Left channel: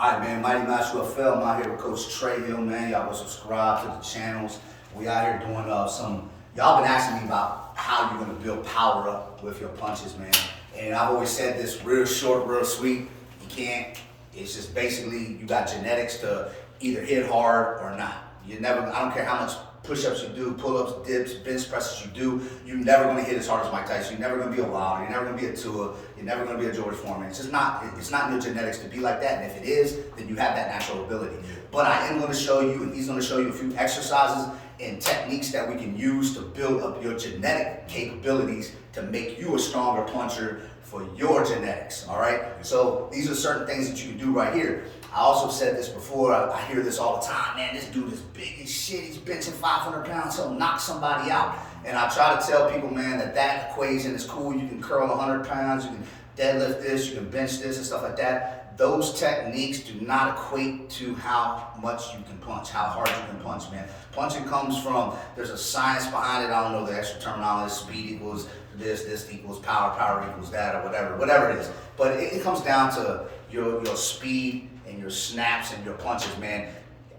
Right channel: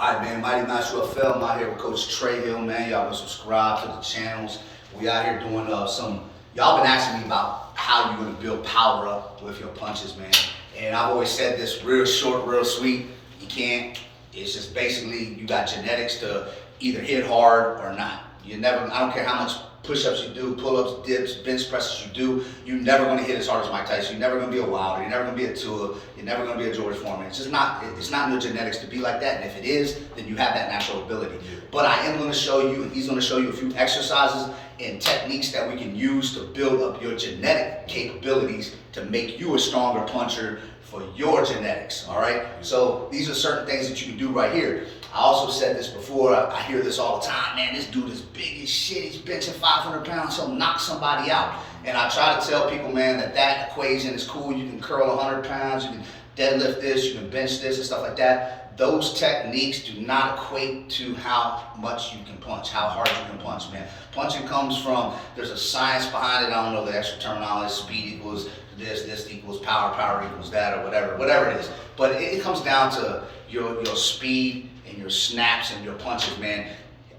All right, man, Mighty Master FL. I'm out here with Coach Trey Hill, man. Y'all gonna subscribe to the channels. We out here doing y'all been asking me about how you're gonna build power up with your punches, man. And I've always said this, real short, real sweet. You can't, it's just basically you got genetics to either hit hard or not. I don't care how much push-ups you do, pull-ups, dips, bench presses you do, you're never gonna hit as hard as Mike Tyson. You're never gonna be a Wilder. You're never gonna be a Tua. You're never gonna be a George Foreman. It's not in your genetics to be like that. And if it is, then you have that natural ability. But I am gonna show you, and he's gonna show you a few exercises and techniques that we can use to build up your genetic capabilities to make you a stronger puncher for your genetics, all right? So these are certain things that you can do right here. I also said this before, I hear this all the time, man, this dude is big as shit, he's benching 500 pounds, he'll knock somebody out. And I try to tell people, man, that equation is cool. You can curl 100 pounds, you can deadlift this, you can bench this and stuff like that. Those techniques do not equate to how much you can punch, how hard you can punch, man. Punching comes from, there's a science behind it. I don't know the extra terminology, speed equals this equals power equals that, or whatever it is. But it comes down to your speed and your snaps and your punches, man.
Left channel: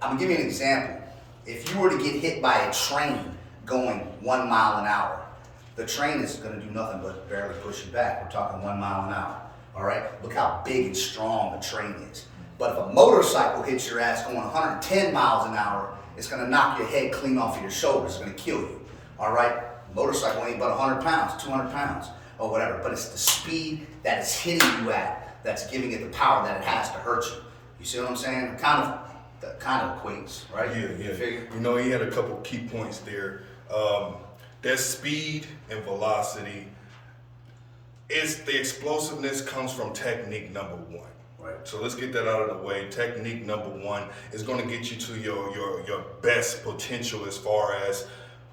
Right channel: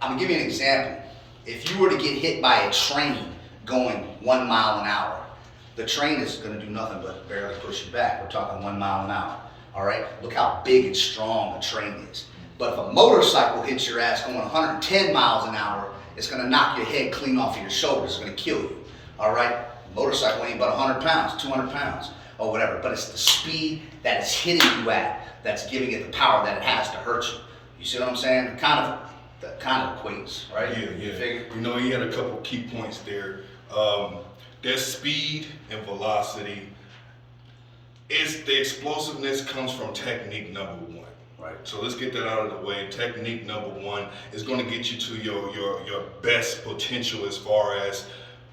I'm gonna give you an example. If you were to get hit by a train going 1 mile an hour, the train is gonna do nothing but barely push you back. We're talking 1 mile an hour, all right? Look how big and strong a train is. But if a motorcycle hits your ass going 110 miles an hour, it's gonna knock your head clean off of your shoulders. It's gonna kill you, all right? Motorcycle ain't but 100 pounds, 200 pounds, or whatever. But it's the speed that it's hitting you at that's giving it the power that it has to hurt you. You see what I'm saying? That kind of equates, right? Yeah. Figure? You know, he had a couple key points there. Their speed and velocity. The explosiveness comes from technique number one. Right. So let's get that out of the way. Technique number one is going to get you to your best potential as far as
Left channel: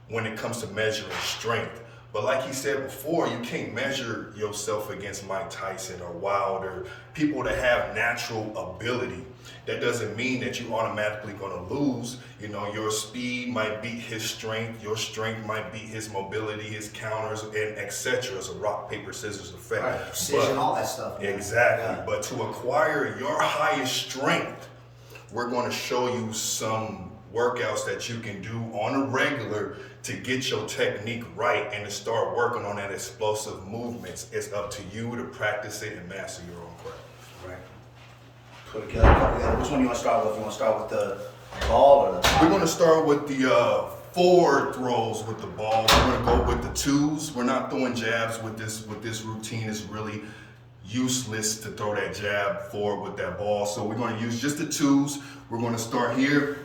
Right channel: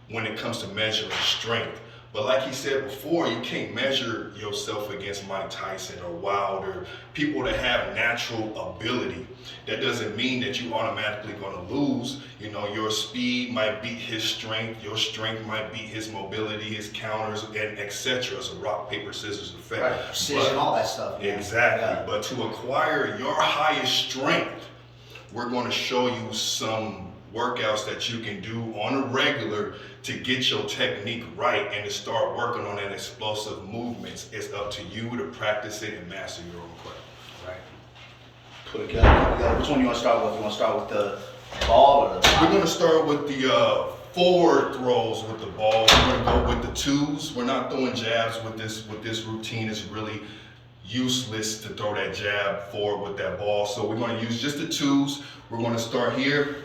when it comes to measuring strength. But like he said before, you can't measure yourself against Mike Tyson or Wilder, people that have natural ability. That doesn't mean that you automatically going to lose. You know, your speed might beat his strength, your strength might beat his mobility, his counters, and etc. It's a rock, paper, scissors effect. Right, precision, all that stuff. Man. Exactly. Yeah. But to acquire your highest strength, we're going to show you some workouts that you can do on a regular to get your technique right and to start working on that explosive movements. It's up to you to practice it and master your own craft. Right. Put it together. Which one you want to start with? You want to start with the ball or the body? We're going to start with the forward throws with the ball. We're going to go with the twos. We're not throwing jabs with this routine. It's really useless to throw that jab forward with that ball. So we're going to use just the twos. We're going to start here.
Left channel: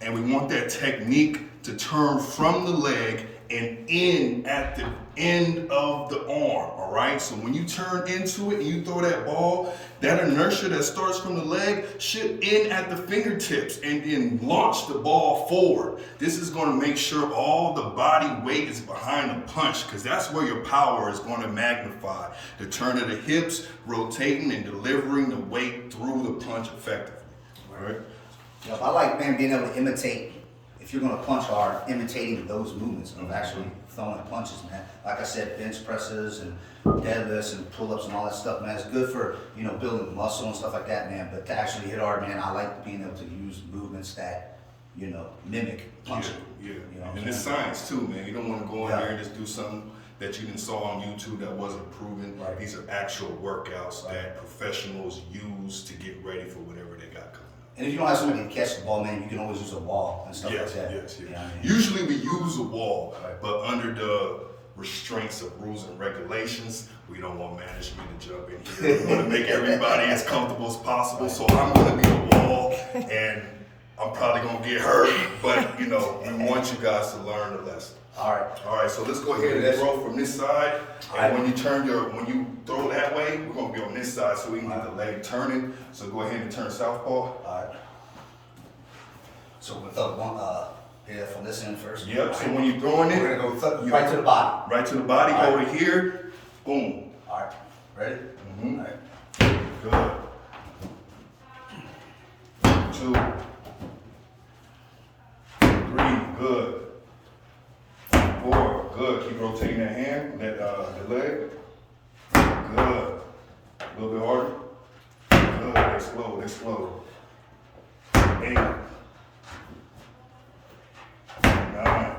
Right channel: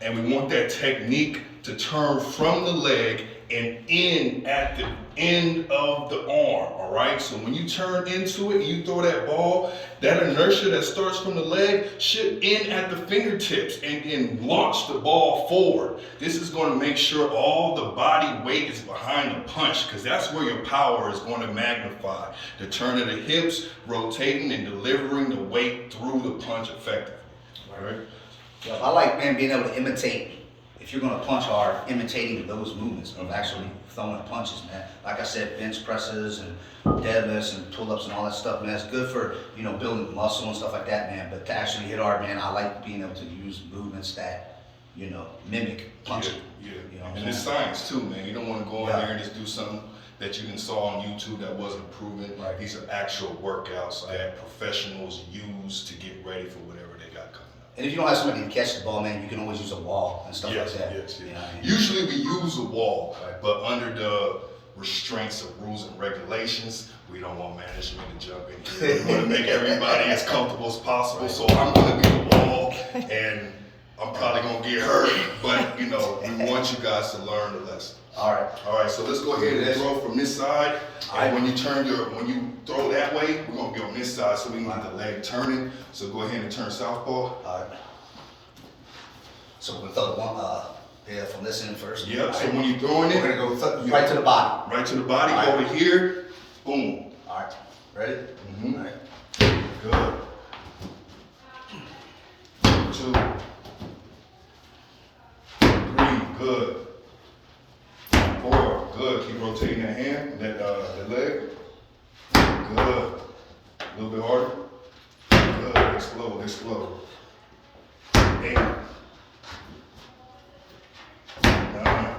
And we want that technique to turn from the leg and in at the end of the arm, all right? So when you turn into it and you throw that ball, that inertia that starts from the leg should end at the fingertips and then launch the ball forward. This is going to make sure all the body weight is behind the punch because that's where your power is going to magnify. The turn of the hips, rotating and delivering the weight through the punch effectively, all right? Yeah, I like, man, being able to imitate, if you're going to punch hard, imitating those movements of actually throwing punches, man. Like I said, bench presses and deadlifts and pull-ups and all that stuff, man. It's good for, building muscle and stuff like that, man. But to actually hit hard, man, I like being able to use movements that, mimic punching. Yeah. And it's science too, man. You don't want to go in there and just do something that you saw on YouTube that wasn't proven. Right. These are actual workouts that professionals use to get ready for whatever they got coming. And if you don't have somebody to catch the ball, man, you can always use a wall and stuff like that. Yes. You know what I mean? Usually we use a wall, Right. but under the restraints of rules and regulations, we don't want management to jump in here. We want to make everybody as comfortable as possible. So I'm going to be the wall, and I'm probably going to get hurt, but we want you guys to learn the lesson. All right. So let's go ahead and throw from this side. And when you throw that way, we're gonna be on this side, so we need the leg turning. So go ahead and turn southpaw. All right. So we'll throw one, from this end first. Yep. So when you're throwing it, we're gonna go right to the body. Right to the body. All right. Hold it here. Boom. All right. Ready? Mm-hmm. All right. Good. 2, 3. Good. 4. Good. Keep rotating that hand, the leg. Good. A little bit harder. Good. Explode. explode. 8, 9,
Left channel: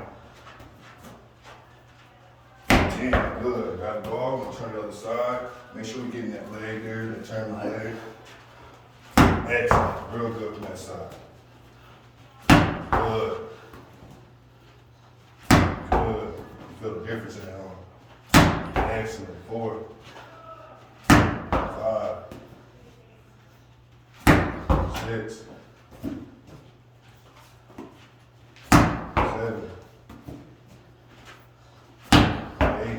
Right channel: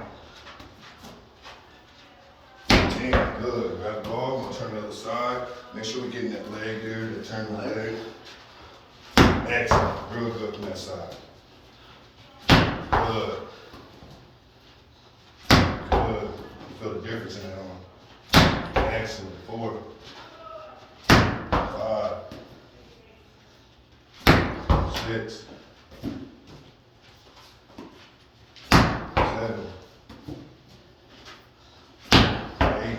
10. Good. Grab the ball. We'll turn the other side. Make sure we're getting that leg there to turn the leg. Excellent. Real good from that side. Good. Good. Feel the difference in that arm. Excellent. 4, 5, 6, 7, 8,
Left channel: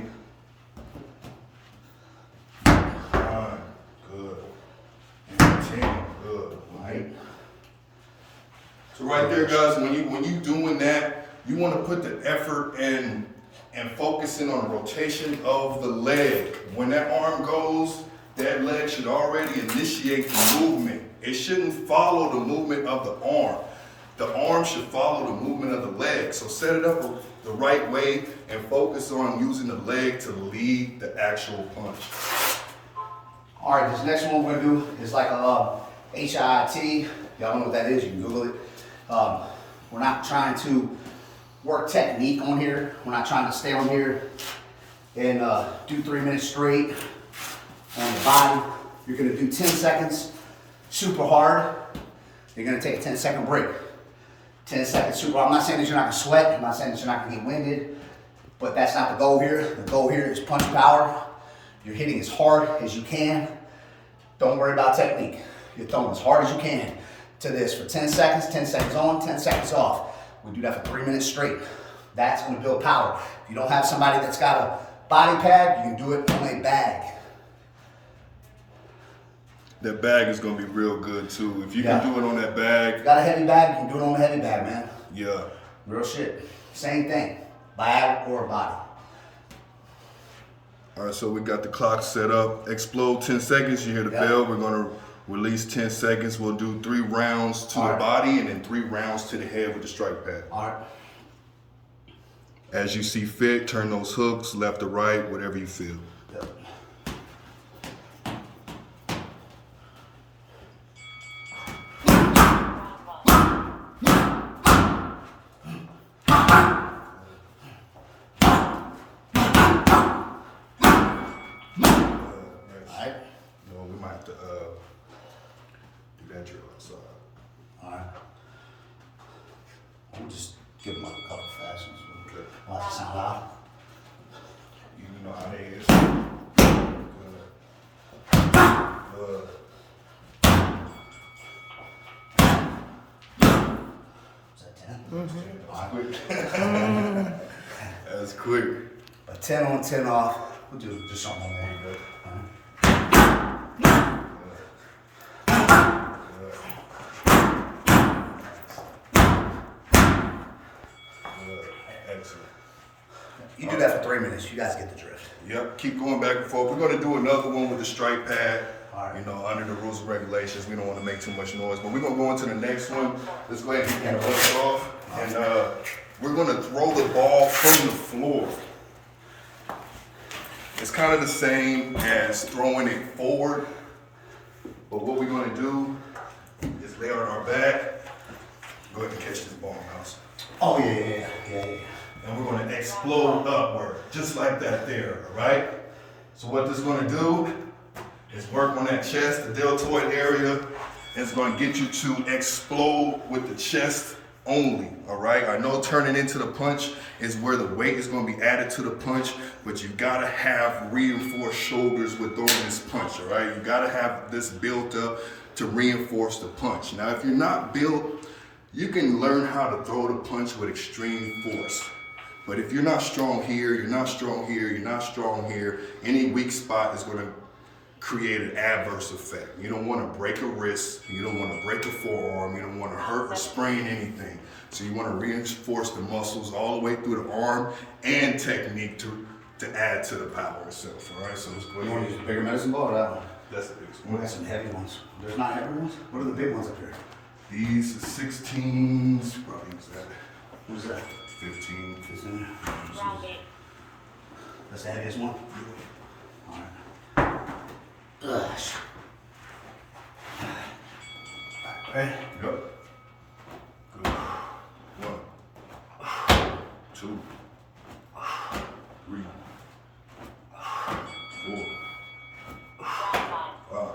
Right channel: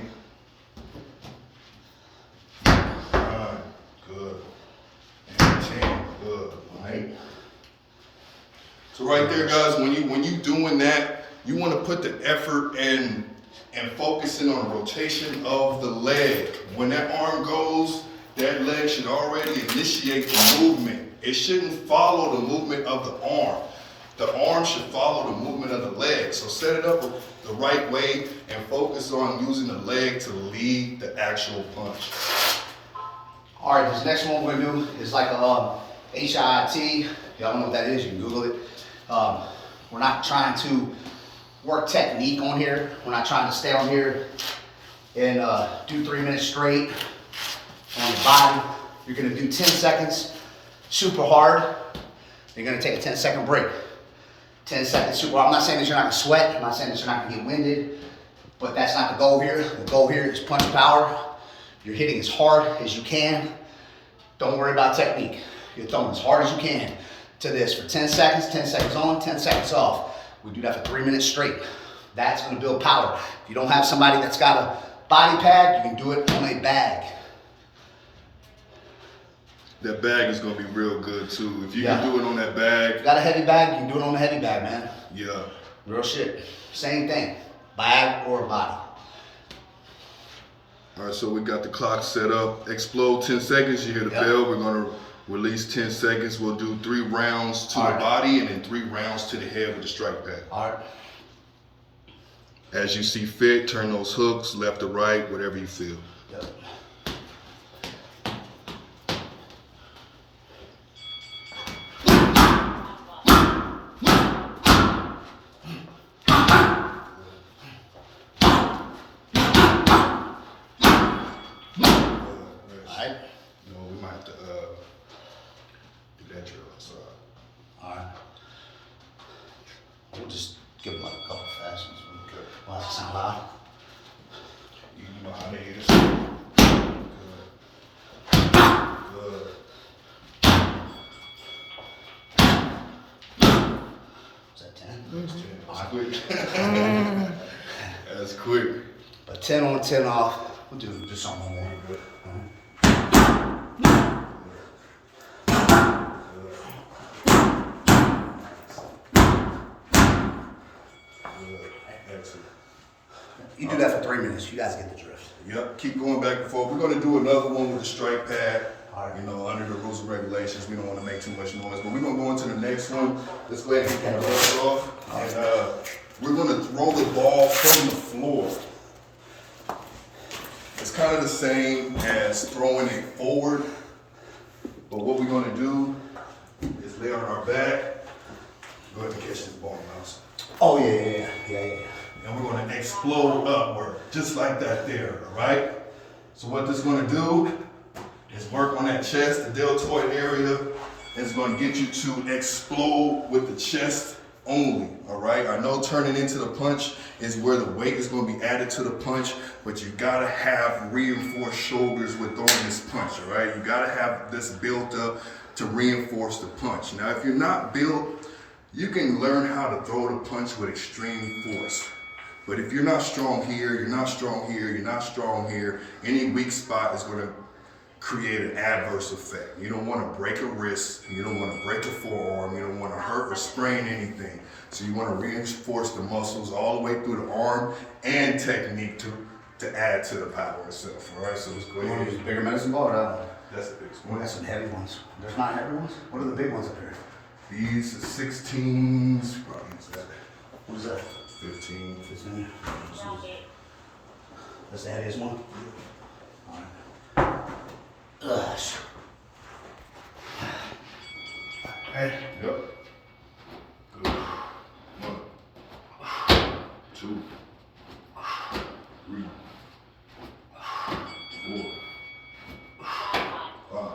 9, good, and 10, good. Right. So right there, guys, when you doing that, you want to put the effort and focusing on the rotation of the leg. When that arm goes, that leg should already initiate the movement. It shouldn't follow the movement of the arm. The arm should follow the movement of the leg. So set it up the right way and focus on using the leg to lead the actual punch. All right, this next one we're gonna do is like a HIIT. Y'all don't know what that is, you can Google it. We're not trying to work technique on here. We're not trying to stay on here and do 3 minutes straight on the body. You're gonna do 10 seconds, super hard. You're gonna take a 10-second break. 10 seconds super hard. I'm not saying that you're not gonna sweat. I'm not saying that you're not gonna get winded, but that's not the goal here. The goal here is punch power. You're hitting as hard as you can. Don't worry about technique. You're throwing as hard as you can to this for 10 seconds, 10 seconds on, 10 seconds off. We do that for 3 minutes straight. That's gonna build power. If you don't have somebody that's got a body pad, you can do it on a bag. That bag is gonna be real good too. If you can do it on that bag. If you got a heavy bag, you can do it on a heavy bag, man. Yeah. Real shit. Same thing. Bag or body. All right, so we got the clock set up. Explode 10 seconds. You hear the bell. We're gonna release 10 seconds. We'll do 3 rounds to the body and then 3 rounds to the head with the strike pad. All right. As you see fit, turn those hooks left or right, whatever you feel. Yep. We'll just give them like a couple fast ones. Well, that sound loud. You know how they is. Good. Good. Is that 10? That's quick. That's quick. But 10 on, 10 off. We'll do just something more. You do that for 3 minutes. You guys get the drift. Yep. Keep going back and forth. We're going to do another one with the strike pad. All right. You know, under the rules and regulations, we don't want to make too much noise. But we're going to go into the next one. Let's go ahead and get the ball off. And we're going to throw the ball from the floor. It's kind of the same as throwing it forward. But what we're going to do is lay on our back. Go ahead and catch this ball, Mouse. Oh, yeah. And we're going to explode upward, just like that there, all right? So what this is going to do is work on that chest, the deltoid area. It's going to get you to explode with the chest only, all right? I know turning into the punch is where the weight is going to be added to the punch, but you got to have reinforced shoulders with throwing this punch, all right? You got to have this built up to reinforce the punch. Now, if you're not built, you can learn how to throw the punch with extreme force. But if you're not strong here, you're not strong here, you're not strong here, any weak spot is going to create an adverse effect. You don't want to break a wrist, you don't want to break a forearm, you don't want to hurt or sprain anything. So you want to reinforce the muscles all the way through the arm and technique to add to the power itself. All right, so let's go You want to ahead. use a bigger medicine ball or that one? That's the biggest We one. got some heavy ones. There's not heavy ones? What are the big ones up here? These are 16s. What is that? 15. 15. That's the heaviest one? All right. Gosh. Okay. Yep. Good. 1, 2, 3, 4, 5,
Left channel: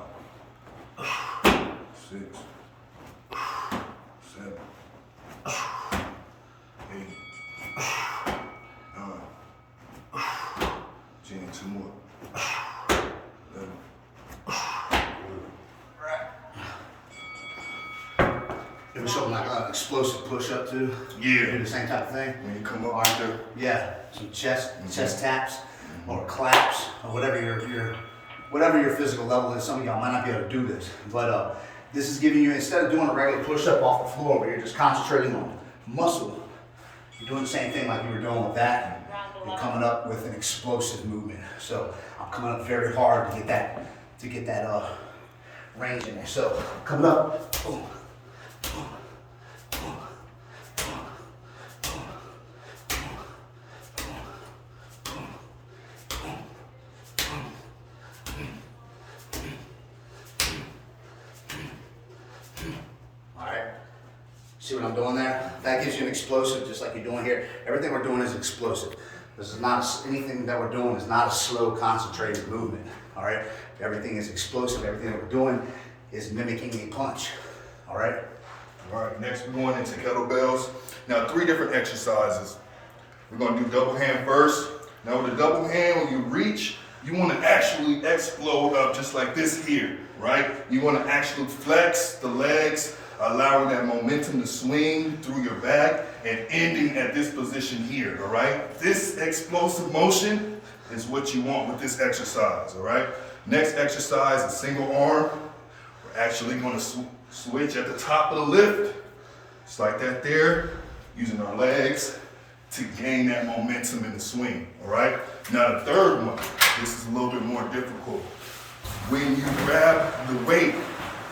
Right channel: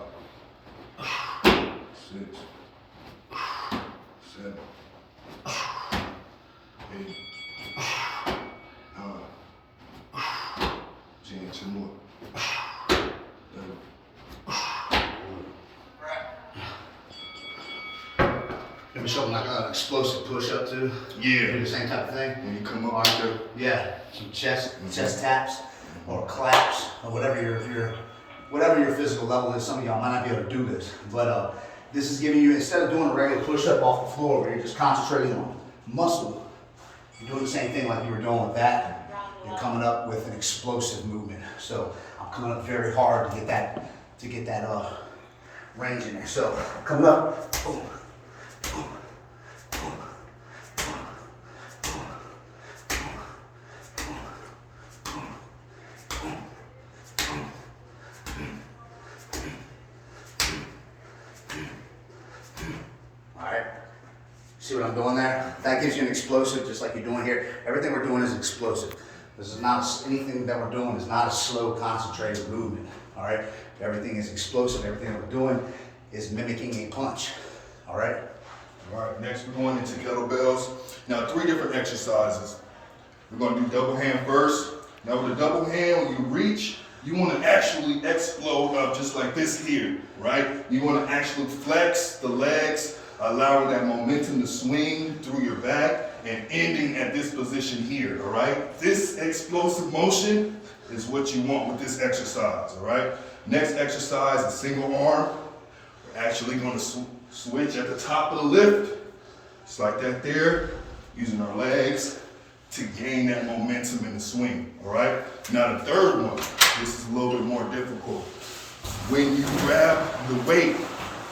6, 7, 8, 9, 10. 2 more. 11. Maybe something like an explosive push-up too. Yeah. Do the same type of thing. When you come up right there. Yeah, some chest taps or claps or whatever your physical level is. Some of y'all might not be able to do this, but this is giving you, instead of doing a regular push-up off the floor where you're just concentrating on muscle, you're doing the same thing like you were doing with that. You're coming up with an explosive movement. So I'm coming up very hard to get that range in there. So coming up, boom, boom, boom, boom, boom, boom, boom, boom, boom. All right. See what I'm doing there? That gives you an explosive, just like you're doing here. Everything we're doing is explosive. This is not anything that we're doing is not a slow, concentrated movement. All right. Everything is explosive. Everything that we're doing is mimicking a punch. All right. All right. Next, we're going into kettlebells. Now, 3 different exercises. We're going to do double hand first. Now, with the double hand, when you reach, you want to actually explode up just like this here, right? You want to actually flex the legs, allowing that momentum to swing through your back and ending at this position here, all right? This explosive motion is what you want with this exercise, all right? Next exercise is single arm. We're actually going to switch at the top of the lift, just like that there, using our legs to gain that momentum in the swing, all right? Now the third one, this is a little bit more difficult. When you grab the weight,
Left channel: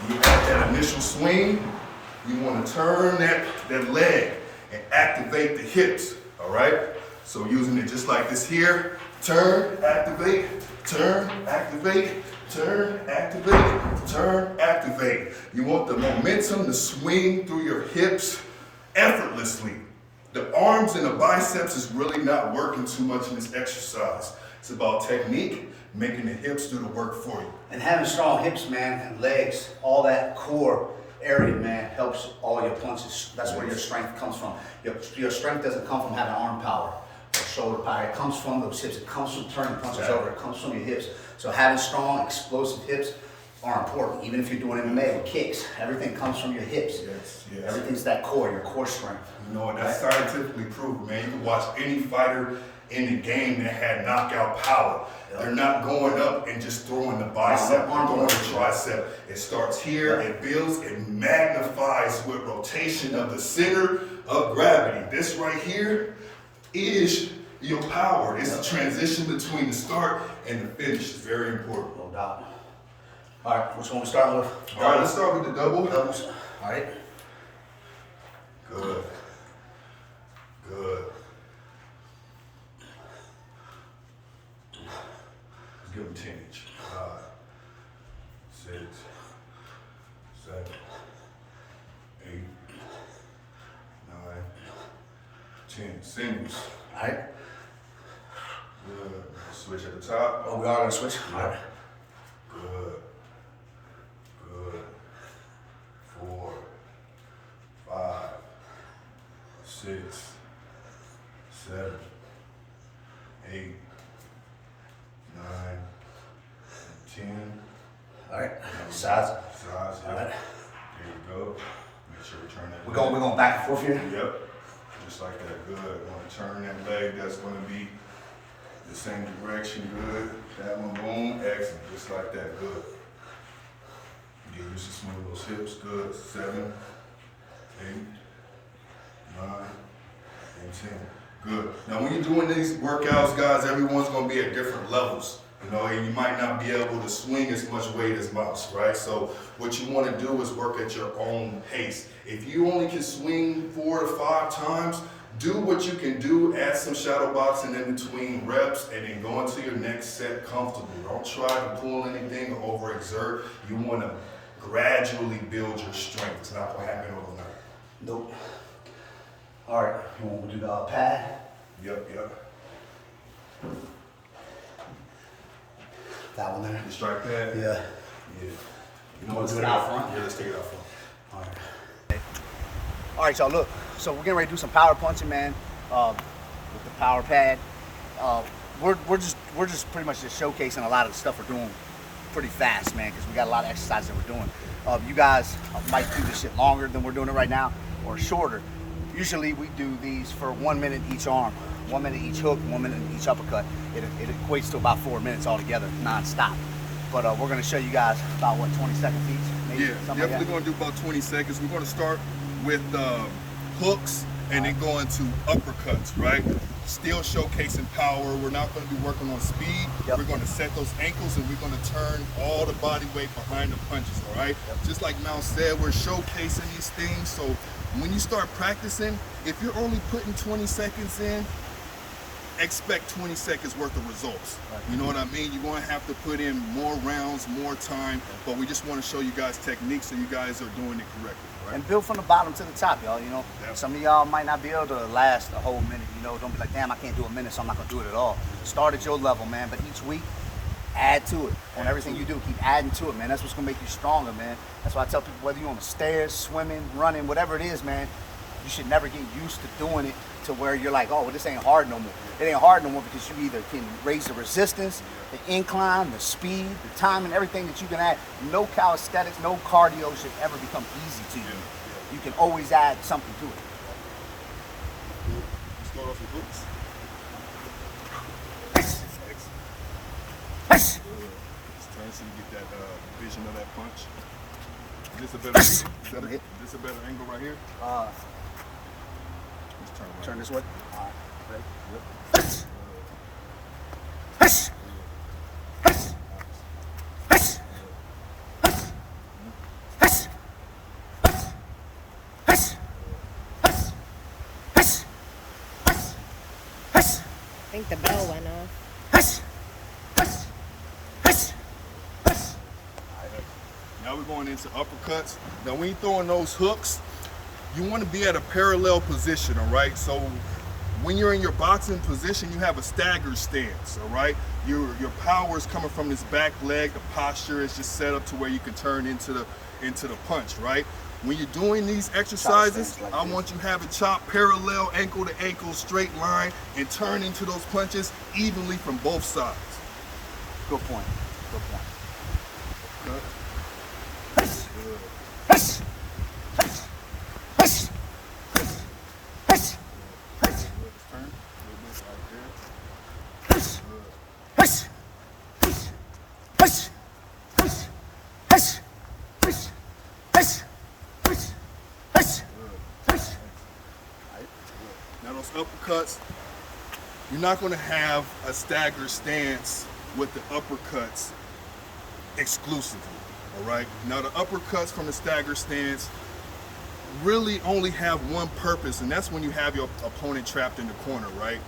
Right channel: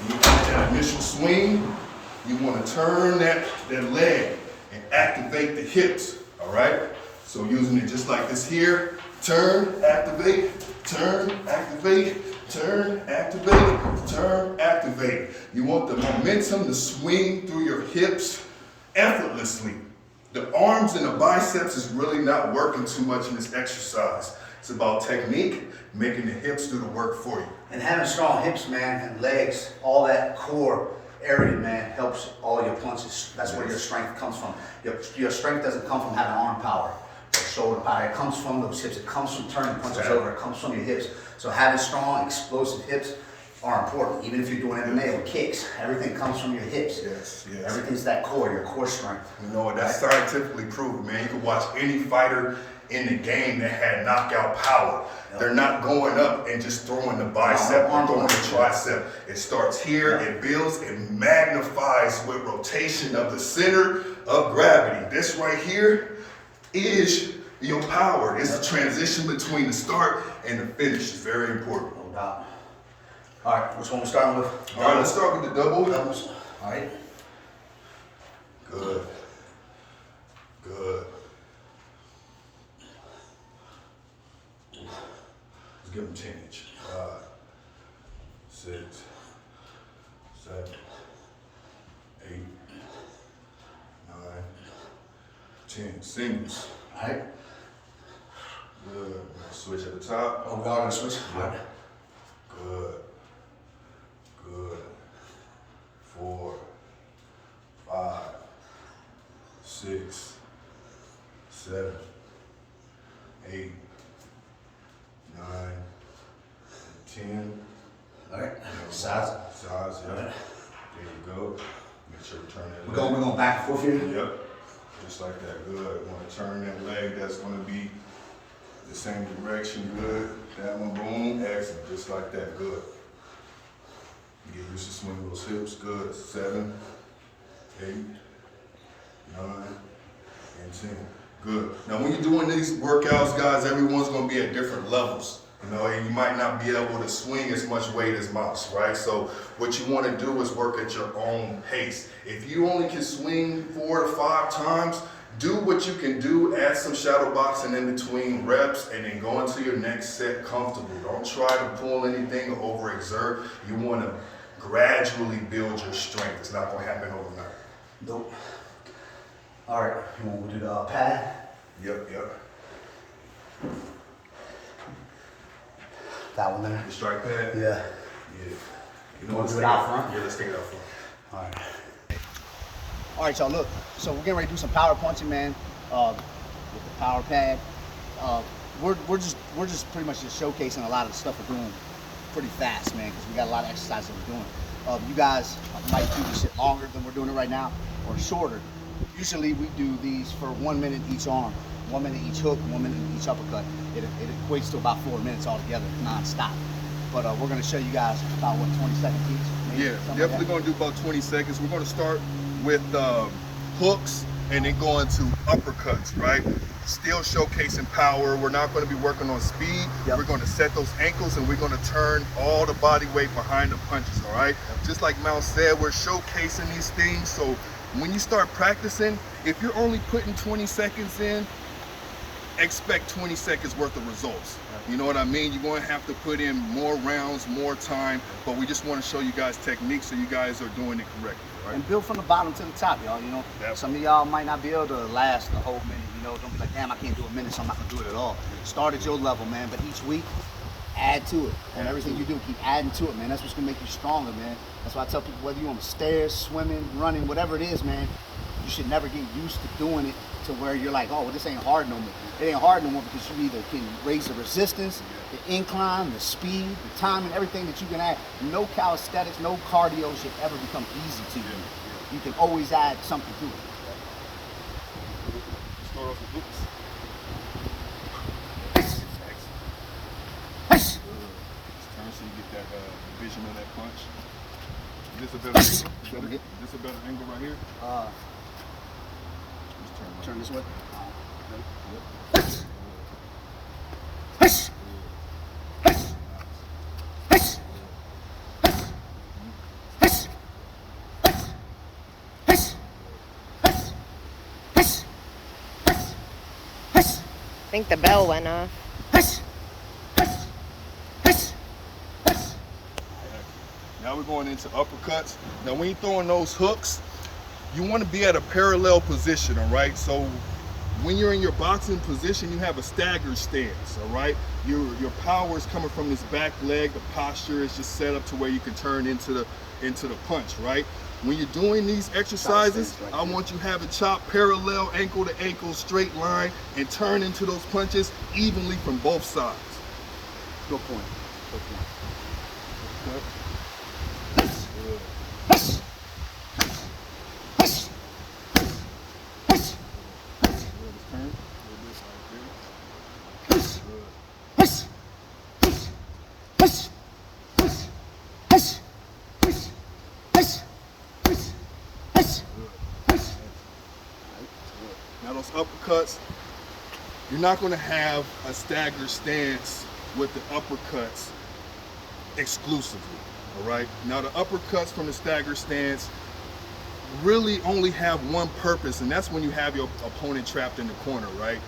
you add that initial swing, you want to turn that leg and activate the hips, all right? So using it just like this here, turn, activate, turn, activate, turn, activate, turn, activate. You want the momentum to swing through your hips effortlessly. The arms and the biceps is really not working too much in this exercise. It's about technique, making the hips do the work for you. And having strong hips, man, and legs, all that core area, man, helps all your punches. That's where your strength comes from. Your strength doesn't come from having arm power or shoulder power. It comes from those hips. It comes from turning punches over. It comes from your hips. So having strong, explosive hips are important. Even if you're doing MMA with kicks, everything comes from your hips. Yes. Everything's that core, your core strength. You know, that's scientifically proven, man. You can watch any fighter in the game that had knockout power. They're not going up and just throwing the bicep or throwing the tricep. It starts here, it builds, it magnifies with rotation of the center of gravity. This right here is your power. It's the transition between the start and the finish. It's very important. No doubt. All right, which one we starting with? All right, let's start with the double. Doubles. All right. Good. Good. Let's give them 10 each. 5, 6, 7, 8, 9, 10. Singles. All right. Good. Switch at the top. Oh, we are gonna switch. All right. Good. Good. 4, 5, 6, 7, 8, 9, 10. All right. Size. Yeah. All right. There you go. Make sure we turn that. We're going back and forth here. Yep. Just like that. Good. Want to turn that leg. That's going to be the same direction. Good. That one. Boom. Excellent. Just like that. Good. Get used to swing those hips. Good. 7, 8, 9, and 10. Good. Now, when you're doing these workouts, guys, everyone's going to be at different levels. You know, and you might not be able to swing as much weight as most, right? So what you want to do is work at your own pace. If you only can swing 4 to 5 times, do what you can do, add some shadow boxing in between reps, and then go into your next set comfortable. Don't try to pull anything or overexert. You want to gradually build your strength. It's not gonna happen overnight. Nope. All right, we'll do the pad. Yep. That one there. The strike pad? Yeah. Yeah. You want to do it out front? Yeah, let's take it out front. All right. All right, y'all, look. So we're getting ready to do some power punching, man, with the power pad. We're just pretty much just showcasing a lot of the stuff we're doing pretty fast, man, because we got a lot of exercises that we're doing. You guys might do this shit longer than we're doing it right now, or shorter. Usually we do these for 1 minute each arm, 1 minute each hook, 1 minute each uppercut. It equates to about 4 minutes altogether, non-stop. But we're gonna show you guys about, what, 20 seconds each? Maybe, Yeah, something definitely like gonna do about 20 seconds. We're gonna start with hooks and then go into uppercuts, right? Still showcasing power. We're not gonna be working on speed. Yep. We're gonna set those ankles and we're gonna turn all the body weight behind the punches, all right? Yep. Just like Mal said, we're showcasing these things. So when you start practicing, if you're only putting 20 seconds in, expect 20 seconds worth of results. You know what I mean? You're going to have to put in more rounds, more time, but we just want to show you guys techniques so you guys are doing it correctly. Right? And build from the bottom to the top, y'all. You know, Yep. some of y'all might not be able to last a whole minute. You know, don't be like, damn, I can't do a minute, so I'm not gonna do it at all. Start at your level, man. But each week, add to it. On everything you do, keep adding to it, man. That's what's gonna make you stronger, man. That's why I tell people, whether you're on the stairs, swimming, running, whatever it is, man, you should never get used to doing it to where you're like, oh, well, this ain't hard no more. It ain't hard no more because you either can raise the resistance, the incline, the speed, the time, and everything that you can add. No calisthenics, no cardio should ever become easy to you. You can always add something to it. Let's start off with hooks. Yes. Just turn so you get that vision of that punch. Is this a better angle? Is this a better angle right here? Let's turn right Turn here. this way. All right. Okay. Yep. Yes. Yes. Yes. Yes. Yes. Yes. Yes. Yes. Yes. Yes. Yes. Yes. I think the bell went off. Yes. Yes. Yes. Yes. Now we're going into uppercuts. Now when you're throwing those hooks, you want to be at a parallel position, all right? So when you're in your boxing position, you have a staggered stance, all right? Your power is coming from this back leg. The posture is just set up to where you can turn into the punch, right? When you're doing these exercises, I want you to have a chop parallel, ankle to ankle, straight line, and turn into those punches evenly from both sides. Good point. Good point. Cut. Yes. Good. Yes. Yes. Yes. Yes. Yes. Good. Let's turn. A little bit right there. Yes. Good. Yes. Yes. Yes. Yes. Yes. Yes. Yes. Yes. Yes. Good. Yes. Right. Good. Now those uppercuts, you're not going to have a staggered stance with the uppercuts exclusively, all right? Now the uppercuts from the staggered stance really only have one purpose, and that's when you have your opponent trapped in the corner, right?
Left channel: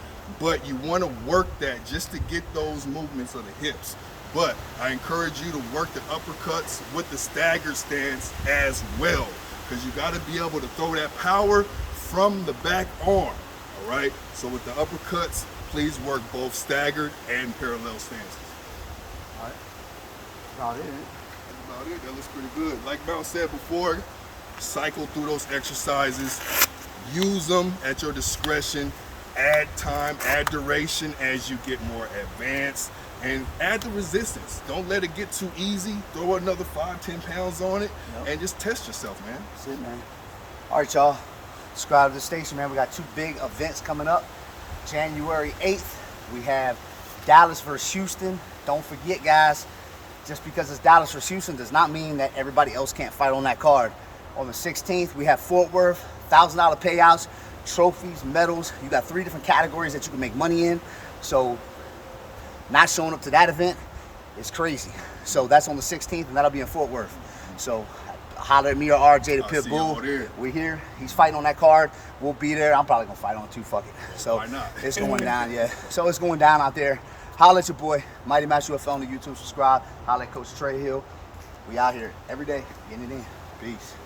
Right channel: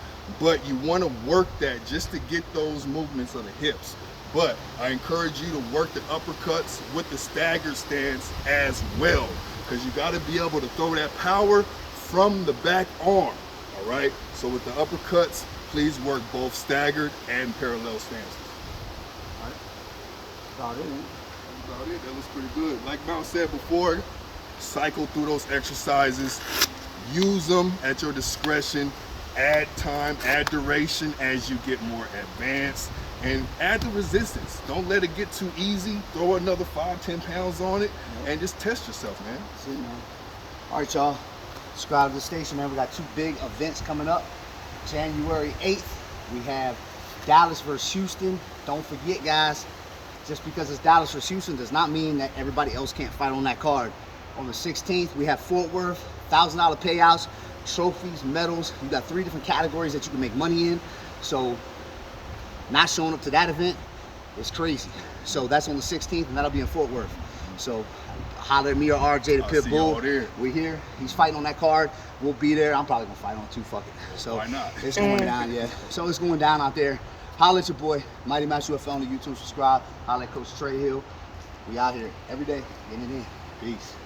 But you want to work that just to get those movements of the hips. But I encourage you to work the uppercuts with the staggered stance as well, because you got to be able to throw that power from the back arm, all right? So with the uppercuts, please work both staggered and parallel stances. All right? About it. That's about it. That looks pretty good. Like Mount said before, cycle through those exercises, use them at your discretion, add time, add duration as you get more advanced, and add the resistance. Don't let it get too easy. Throw another 5-10 pounds on it, and just test yourself, man. That's it, man. All right, y'all. Subscribe to the station, man. We got 2 big events coming up. January 8th, we have Dallas versus Houston. Don't forget, guys, just because it's Dallas versus Houston does not mean that everybody else can't fight on that card. On the 16th, we have Fort Worth, $1,000 payouts, trophies, medals. You got 3 different categories that you can make money in. So not showing up to that event is crazy. So that's on the 16th, and that'll be in Fort Worth. So holler at me or RJ the I'll Pit see Bull. y'all there. We're here. He's fighting on that card. We'll be there. I'm probably gonna fight on it too. Fuck it. So why not? it's going down, yeah. So it's going down out there. Holler at your boy, Mighty Match UFL on the YouTube. Subscribe. Holler at Coach Trey Hill. We out here every day, getting it in. Peace.